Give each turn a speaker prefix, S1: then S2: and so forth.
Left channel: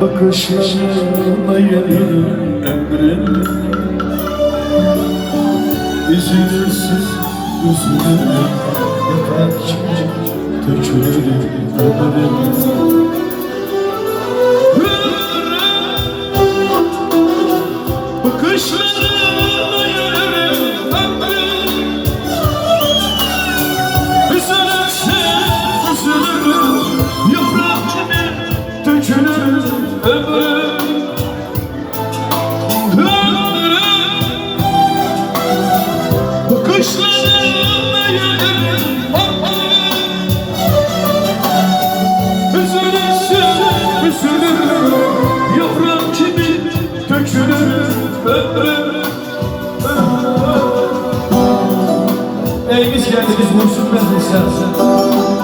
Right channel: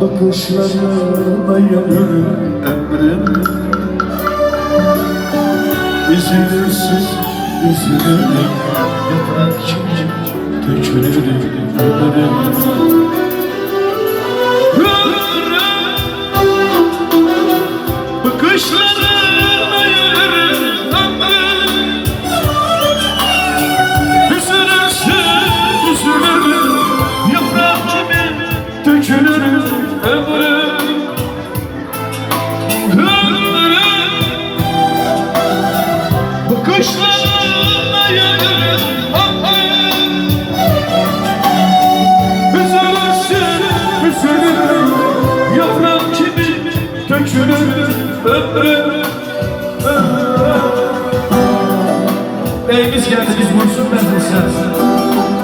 S1: Bakışlarına yanarım ömrüm. Üzülürsün, üzülürüm Yakan kim dökülürüm ömrüm. Bakışlarına Bakışlarına ömrüm Üzülürsün, üzülürüm. Yaprak gibi dökülürüm ömrüm.
S2: Beyimiz geldi biz vursun ben de sen.